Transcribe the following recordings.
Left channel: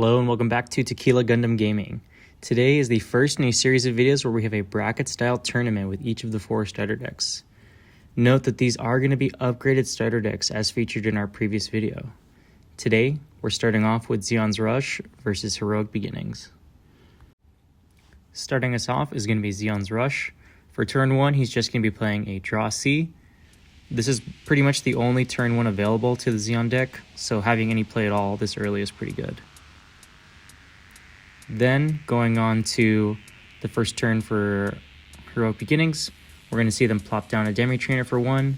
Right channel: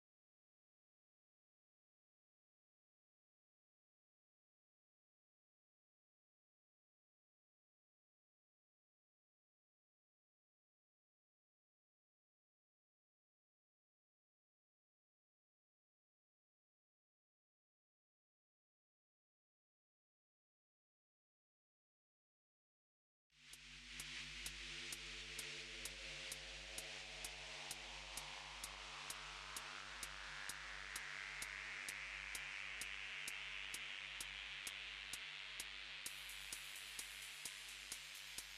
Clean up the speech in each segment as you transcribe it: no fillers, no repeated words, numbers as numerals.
Hello and welcome back to Tequila Gundam Gaming. Today is the first in a series of videos where we have a bracket-style tournament with each of the 4 starter decks. Note that these are going to be upgraded starter decks as featured in our previous video. Today, we're starting off with Zeon's Rush versus Heroic Beginnings. Starting us off is going to be Zeon's Rush. For turn 1, he's just going to be playing a Draw C. This is pretty much the only turn 1 available to the Zeon deck, so having any play at all this early is pretty good. Then, going on to the first turn for Heroic Beginnings, we're going to see them plop down a Demi Trainer for 1.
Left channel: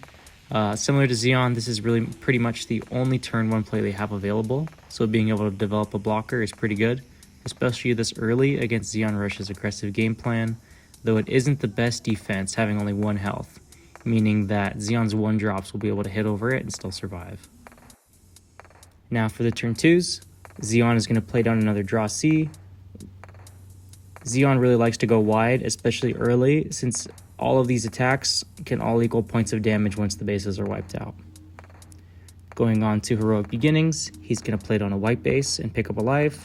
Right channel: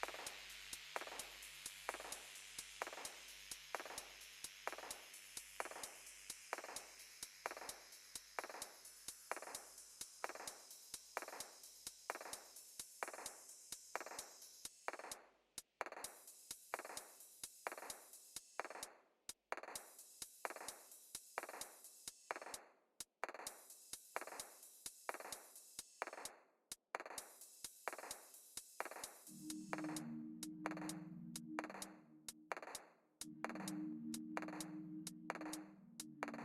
Similar to Zeon, this is really pretty much the only turn 1 play they have available, so being able to develop a blocker is pretty good, especially this early against Zeon Rush's aggressive game plan, though it isn't the best defense having only 1 health, meaning that Zeon's 1-drops will be able to hit over it and still survive. Now for the turn 2s, Zeon is going to play down another Draw C. Zeon really likes to go wide, especially early, since all of these attacks can all equal points of damage once the bases are wiped out. Going on to Heroic Beginnings, he's going to play down a white base and pick up a life.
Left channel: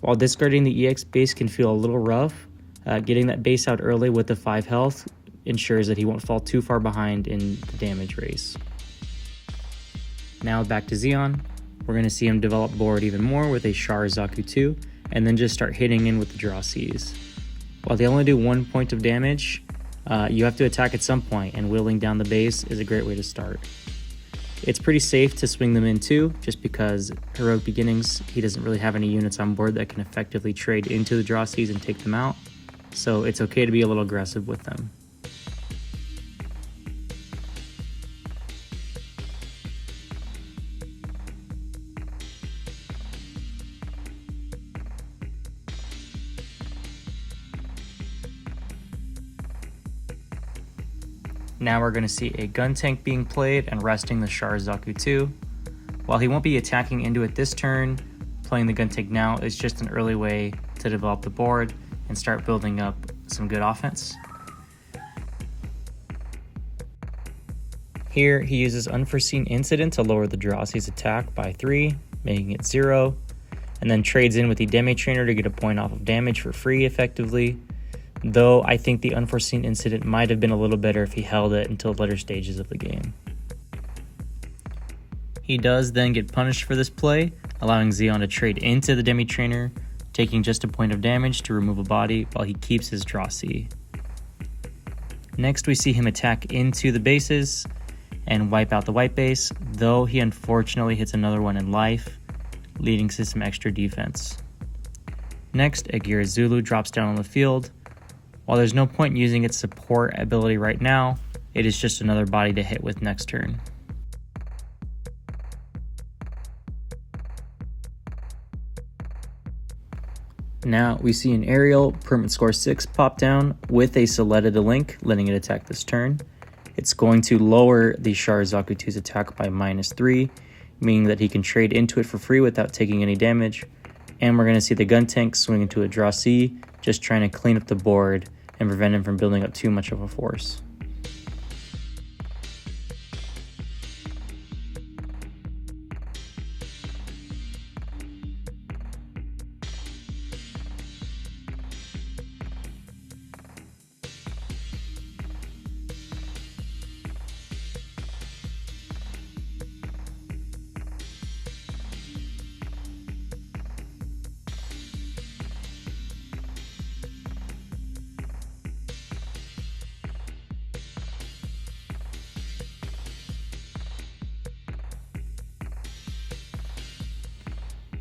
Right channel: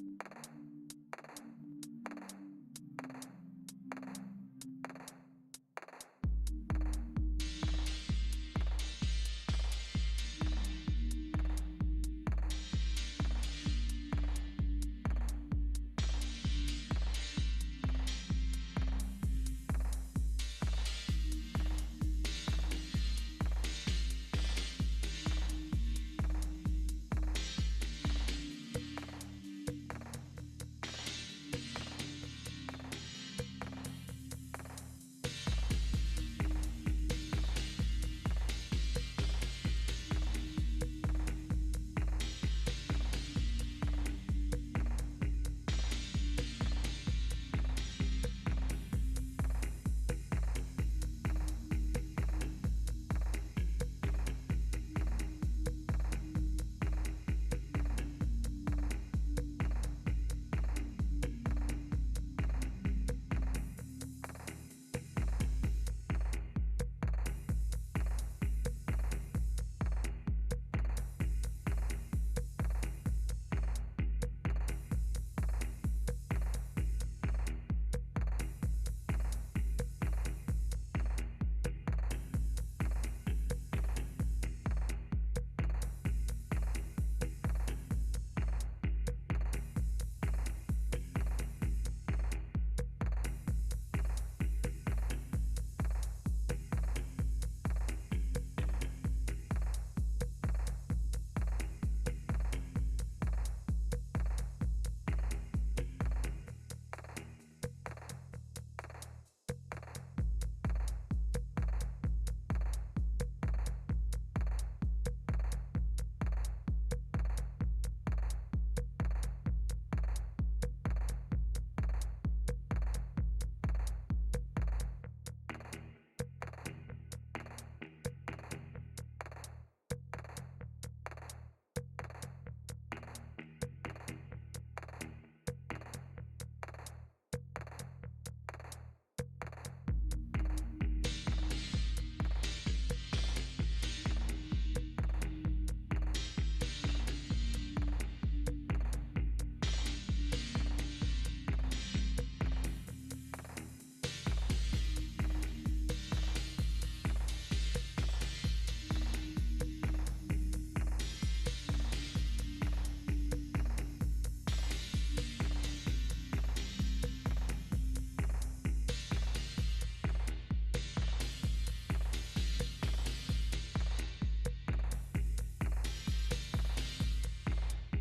While discarding the EX base can feel a little rough, getting that base out early with the 5 health ensures that he won't fall too far behind in the damage race. Now back to Zeon, we're going to see him develop board even more with a Char Zaku 2, and then just start hitting in with the Draw Cs. While they only do 1 point of damage, you have to attack at some point, and wheeling down the base is a great way to start. It's pretty safe to swing them in too, just because Heroic Beginnings, he doesn't really have any units on board that can effectively trade into the Draw Cs and take them out, so it's okay to be a little aggressive with them. Now we're going to see a gun tank being played and resting the Char Zaku 2. While he won't be attacking into it this turn, playing the gun tank now is just an early way to develop the board and start building up some good offense. Here he uses Unforeseen Incident to lower the Draw C's attack by 3, making it 0, and then trades in with the Demi Trainer to get a point off of damage for free effectively. Though I think the Unforeseen Incident might have been a little better if he held it until later stages of the game. He does then get punished for this play, allowing Zeon to trade into the Demi Trainer, taking just a point of damage to remove a body while he keeps his Draw C. Next we see him attack into the bases and wipe out the white base, though he unfortunately hits another one in life, leading to some extra defense. Next, Agira Zulu drops down on the field. While there's no point in using its support ability right now, it is just another body to hit with next turn. Now we see an aerial permanent score 6 pop down with a Soletta to link, letting it attack this turn. It's going to lower the Char Zaku 2's attack by -3, meaning that he can trade into it for free without taking any damage. And we're going to see the gun tank swing into a Draw C, just trying to clean up the board and prevent him from building up too much of a force.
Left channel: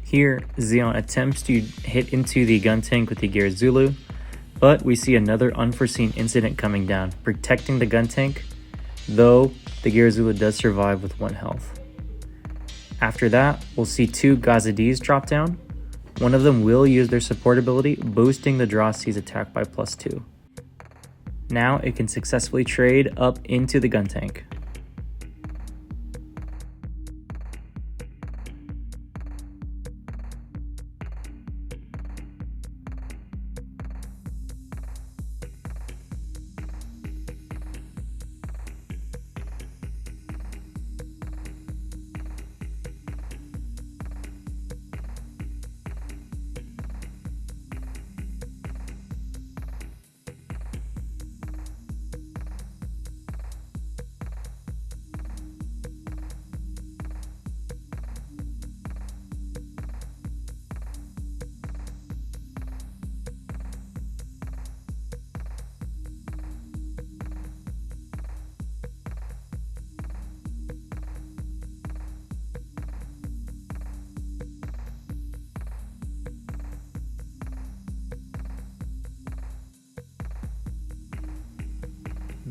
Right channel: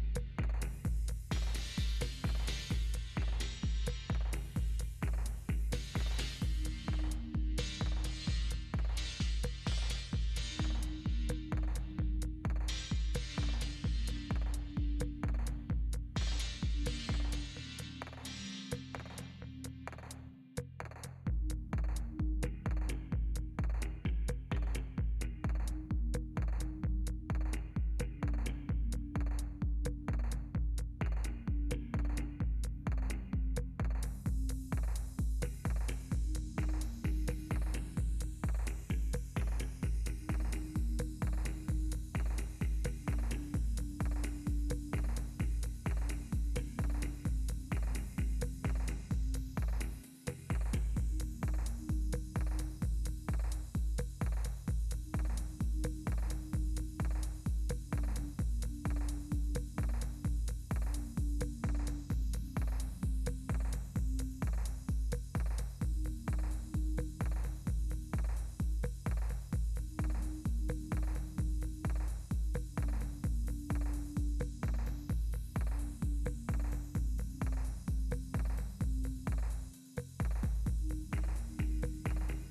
Here, Zeon attempts to hit into the gun tank with the Agira Zulu, but we see another Unforeseen Incident coming down, protecting the gun tank, though the Agira Zulu does survive with 1 health. After that, we'll see 2 Gazadis drop down. One of them will use their support ability, boosting the Draw C's attack by +2. Now it can successfully trade up into the gun tank.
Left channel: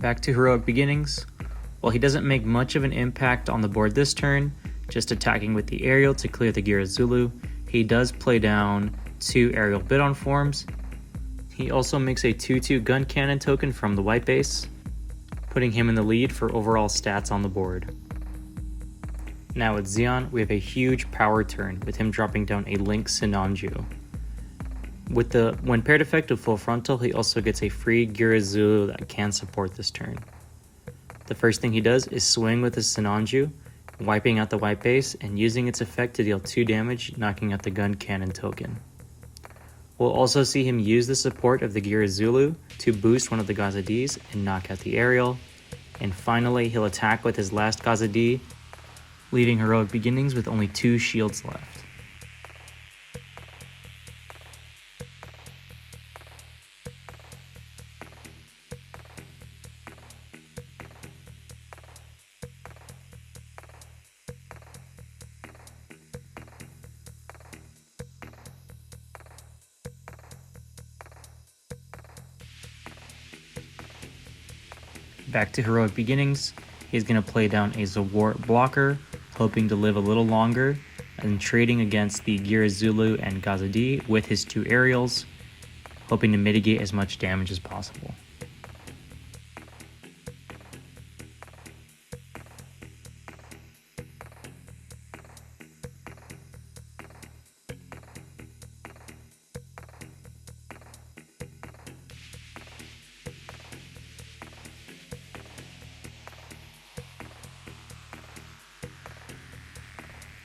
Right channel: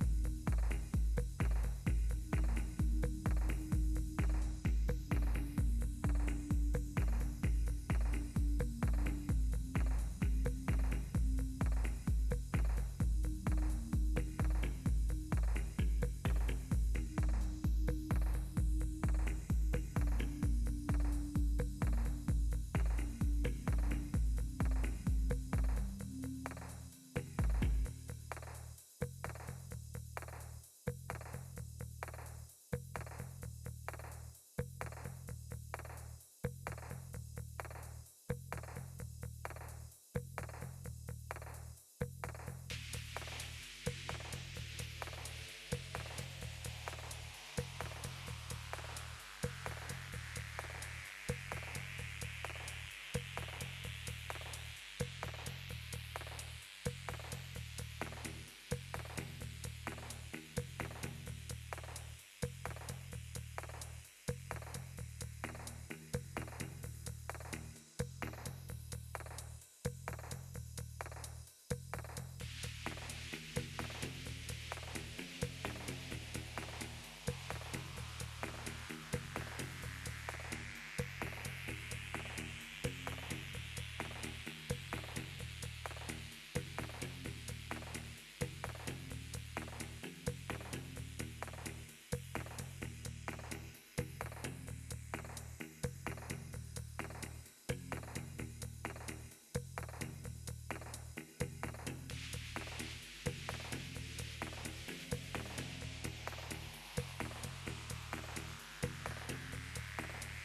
Back to Heroic Beginnings. While he doesn't make much of an impact on the board this turn, just attacking with the aerial to clear the Gira Zulu, he does play down 2 aerial Bidon forms. He also makes a 2/2 gun cannon token from the white base, putting him in the lead for overall stats on the board. Now with Zeon, we have a huge power turn with him dropping down a Link Sinanju. With the when paired effect of Full Frontal, he also gets a free Gira Zulu that can support this turn. The first thing he does is swing with his Sinanju, wiping out the white base and using its effect to deal 2 damage, knocking out the gun cannon token. We'll also see him use the support of the Gira Zulu to boost one of the Gaza Ds and knock out the aerial. And finally, he'll attack with his last Gaza D, leaving Heroic Beginnings with only 2 shields left. Back to Heroic Beginnings, he's going to play down a Zawart blocker, hoping to live a little longer, and trading against the Gira Zulu and Gaza D with his 2 aerials, hoping to mitigate as much damage as possible.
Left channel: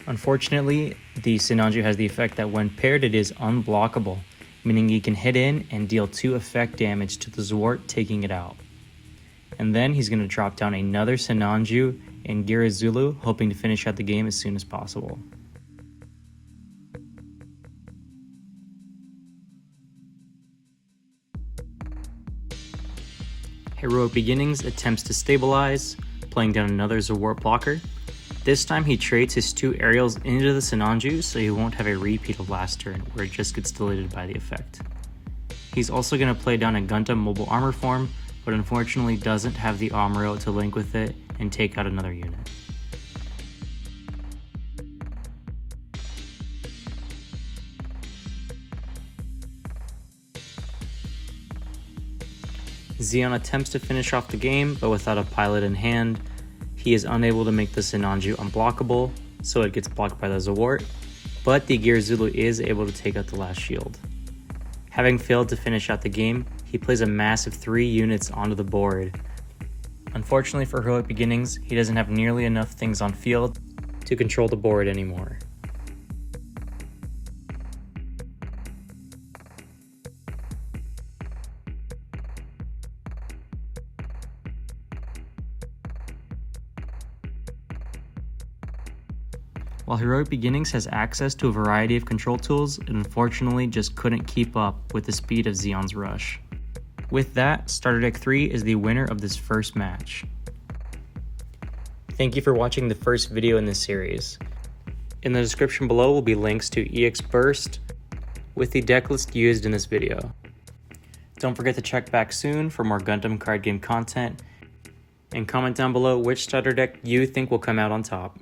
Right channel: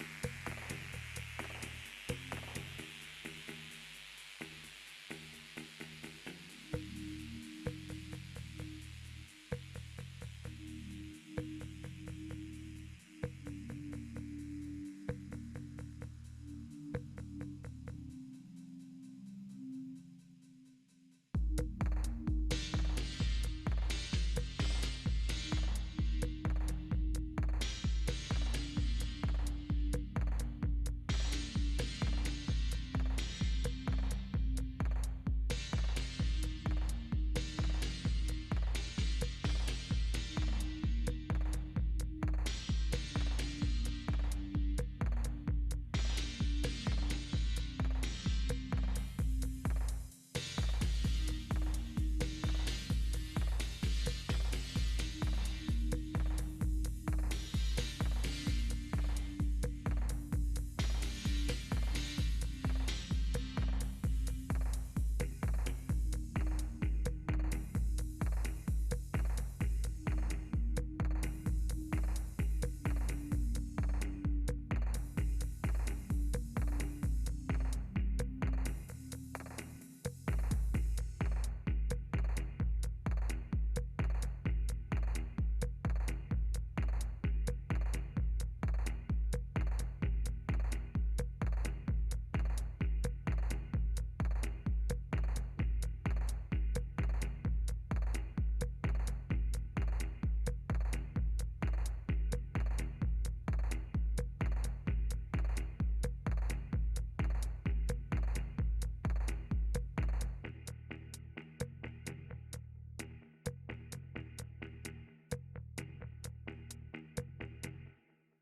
Unfortunately, the Sinanju has the effect that when paired it is unblockable, meaning you can hit in and deal 2 effect damage to the Zwart, taking it out. And then he's going to drop down another Sinanju and Gira Zulu, hoping to finish out the game as soon as possible. Heroic Beginnings attempts to stabilize, playing down another Zawart blocker. This time he trades his 2 aerials into the Sinanju, so he won't have a repeat of last turn where it just gets deleted by the effect. He's also going to play down a Gundam mobile armor form, but unfortunately doesn't have the Amuro to link with it and take out another unit. Zeon attempts to finish off the game, but without a pilot in hand, he is unable to make the Sinanju unblockable, so it gets blocked by the Zawart, but the Gira Zulu is able to take out the last shield. Having failed to finish out the game, he plays a massive 3 units onto the board. Unfortunately for Heroic Beginnings, he doesn't have nearly enough things on field to control the board anymore. While Heroic Beginnings has access to a variety of control tools, it unfortunately just couldn't keep up with the speed of Zeon's rush. With that, Starter Deck 3 is the winner of this first match. Thank you for watching the first video in this series. In the description below will be links to EX Burst with the deck list used in this video. Don't forget to check back soon for more Gundam card game content, and comment down below which starter deck you think will come out on top.